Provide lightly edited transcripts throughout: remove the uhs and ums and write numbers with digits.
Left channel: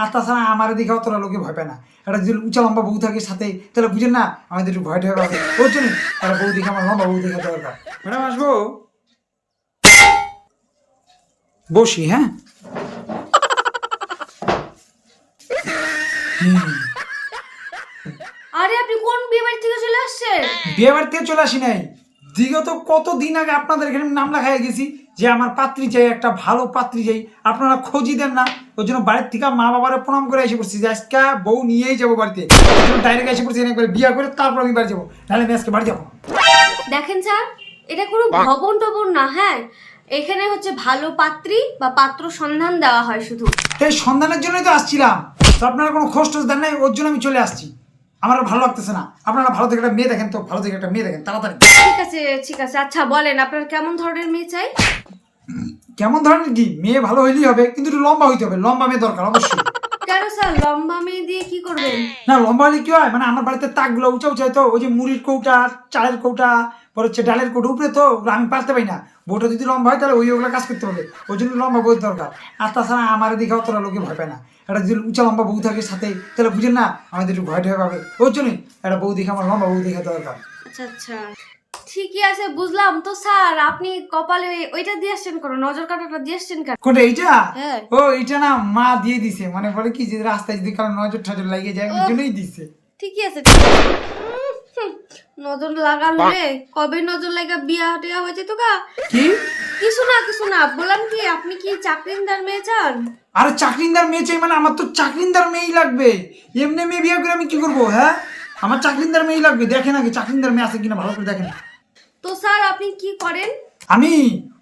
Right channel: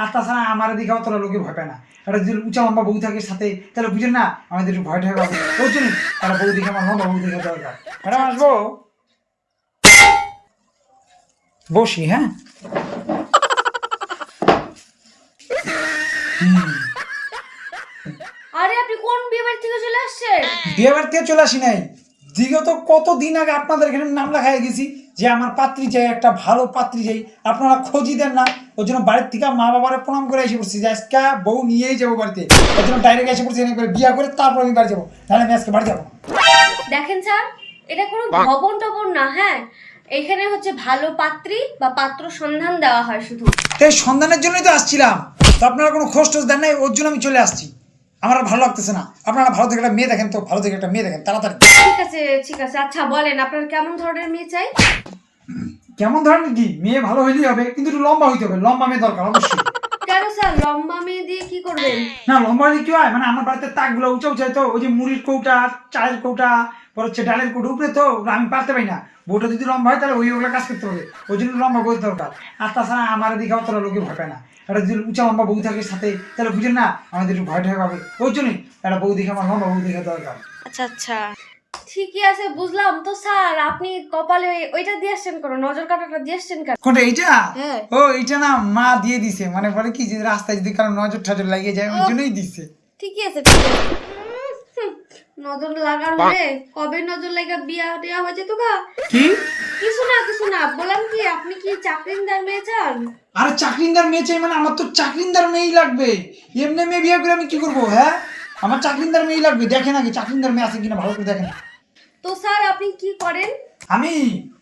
আর তাছাড়া আমার দিকে অতটা লোকে ভয় পায় না। একটা যদি উঁচা লম্বা বউ থাকে সাথে তাহলে বুঝেন না আমাদের একটু ভয় ঠয় পাবে, ওই জন্য একটা বউ দেখে আমার লম্বা বউ দেখে দরকার। ম্যাডাম আসবো? বসি, হ্যাঁ। আরে আপনি কোন বিয়ে বাড়ি থেকে চলে আসছেন? বিয়ে বাড়ি থেকে চলে আসি নাই, বিগত কতদিন আগে আপনাদের এখানে নাম লেখাই গেছি যে আমার পাত্রী চাই, একটা ভালো পাত্রী চাই, আপনারা খোঁজই দেন না। ওই জন্য বাড়ির থেকে মা বাবারে প্রণাম করে এসে পড়ছি যে আজকে বউ নিয়েই যাবো বাড়িতে। ওই জন্য ডাইরেক্ট এসে পড়ছি, একবার বিয়ে করে তারপর আমি বাড়ি যাবো, নাহলে আমি আজকে বাড়ি যাবো। দেখেন স্যার, এটা কোনো ভবন টবন না, হ্যাঁ। এখানে হচ্ছে ভালো পাত্রী বা পাত্র সন্ধান দেওয়া হয় শুধু। এই সন্ধানের জন্যই তো আসছিলাম, তো আপনারা কোনো খোঁজ টোজ দেন নাই, ওর জন্য আমি চলে আসছি। আমার আর ভালো লাগতেছে না, আপনারা ভালো থেকে একটা মেয়ে দেখেন, তো ভালো থেকে একটা মেয়ে দেখেন তাড়াতাড়ি। ঠিক আছে ঠিক আছে, আচ্ছা বলেন আপনার কেমন ধরনের মেয়ে চাই? কেমন ধরনের কি মেয়ে? ভালো হইলেই হবে, কিন্তু একটু লম্বা হইতে হবে, লম্বা মেয়ে দরকার অবশ্যই। কেন স্যার, লম্বা মেয়ে দিয়ে কি করবেন? না লম্বা হলে কি হয়, মানে আমার বাড়িতে তাকগুলো উঁচা উঁচা, তো ওই যে মুড়ির কৌটা, চালের কৌটা, পর হচ্ছে ডালের কৌটা উপরে, তো ওগুলো আমি পারতে পারি না। বউটা যদি লম্বা হয় তাহলে ওগুলো কাজ করতে হবে, ওই জন্য লম্বা বউ দরকার। আর তাছাড়া আমার দিকে অতটা লোকে ভয় পায় না। একটা যদি উঁচা লম্বা বউ থাকে সাথে তাহলে বুঝেন না আমাদের একটু ভয় ঠয় পাবে, ওই জন্যই একটা বউ দেখে আমার লম্বা বউ দেখে দরকার। আচ্ছা আচ্ছা, ঠিকই আছে, বুঝলাম। তো স্যার আপনি কপালে ওইটা দিয়ে আসছেন কেন, নজর কাটাটা দিয়ে আসছেন কেন? কোনটা এইটা? হ্যাঁ। ও এইটা না মা দিয়ে দিছে, মানে বলে কি যে রাস্তায় যদি কারো নজর টজর লাগিয়ে যায় ওই জন্যই দিছে। ঠিকই আছে ঠিক আছে। নজর লাগার হলে কবে নজর লাগা বিয়া টিয়া হয়েছে তো গা। কি? কিছু না বললাম কি, আপনি কি চাকরিন্দার মেয়ে চান? আরে চাকরিন্দার মেয়ে চাই মানে আমার তো চাকরিন্দার মেয়েই লাগবে, এমনি মেয়ে বিয়ে করে আমি কি করবো? হ্যাঁ আমার চাকরিন্দার মেয়েই লাগবে, দেখেন আগে চাকরিন্দার মেয়ে আছে কিনা ভালো করে দেখেন। তো স্যার আপনি কি করেন? আমি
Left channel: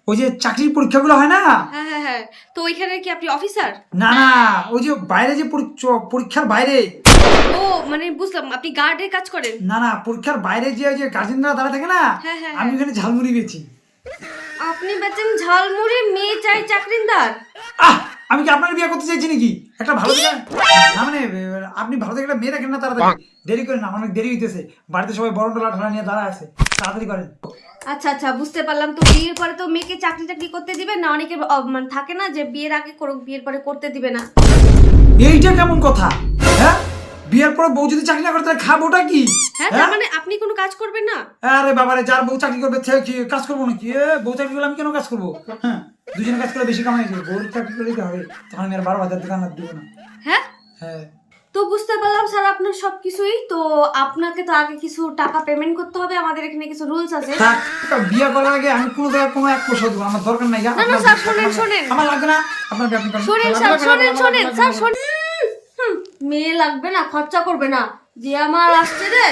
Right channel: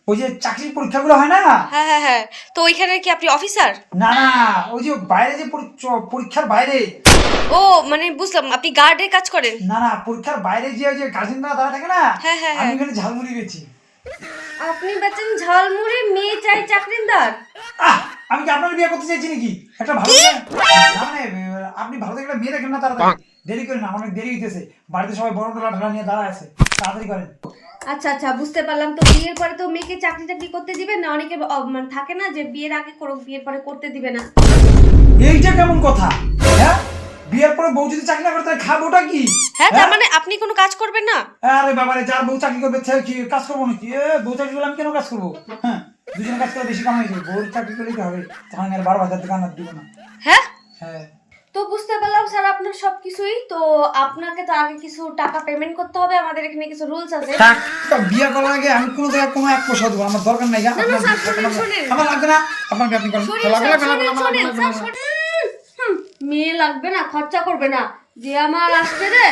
ওই যে চাকরির পরীক্ষাগুলো হয় না, হ্যাঁ, তো ওইখানে কি আপনি অফিসার? না না ওই যে বাইরে যে পরীক্ষার বাইরে, ও মানে বুঝলাম, আপনি গার্ডের কাজ করেন। না না পরীক্ষার বাইরে যে ওই যে গার্জেনরা দাঁড়া থাকে না, হ্যাঁ। আমি ওখানে ঝালমুড়ি বেচি। আপনি বেচেন ঝালমুড়ি, মেয়ে চাই চাকরিন্দার? আমি কি আপনার বিয়ে করতে চাইছি নাকি? একটা ভালো না মানে আপনি ভালো থেকে একটা মেয়ে দেখেন না তাড়াতাড়ি, দেরি করেন না, অনেক দেরি হইতেছে, বাড়িতে সবাই বড় টোলা ঠোলা নিয়ে দাঁড়ায় আছে, তাড়াতাড়ি করেন। আচ্ছা বুঝতে পারলাম। তো বিয়ের পরে তো মেয়েকে চাকরি টাকরি করতে দিবে না? অনেকে মানে থাকে না যে বিয়ের আগে করুক, বিয়ের পরে করতে দিবে না। এইটা কেমন কথা? হ্যাঁ বিয়ের পর বউ যদি চাকরি না করে তাহলে খাবোটা কি? হ্যাঁ, তার মানে আপনি কোনো কাজ করবেন না? আরে বাবারে, যার বউ চাকরি করবে সে কি কাজ করবো নাকি? বউ চাকরি করলে আমি কেন কাজ করবো? হ্যাঁ দুজনে কাজ করে বেশি কামাই করবো, বউ চাকরি করলেই তো হবে, তখন আর 12,000 দোকান আর দিব না। হ্যাঁ হ্যাঁ তো বুঝতে পারলাম স্যার আপনার সবকিছুই। তো আপনাকে তো আগে কিছু টাকা পেমেন্ট করতে হবে, আমাদের এখানে কিছু রুলস আছে। বিয়ে করার আগে আমি কোনো জায়গায় কোনো এক পয়সা দেবো, আমার দরকার নাই। না স্যার শোনেন, আমার লাগবে না, আপনাকে আপনি করেন। শোনেন স্যার, মেয়ে লাগবে না, খরচা করবে না, যে আমার আসছে রে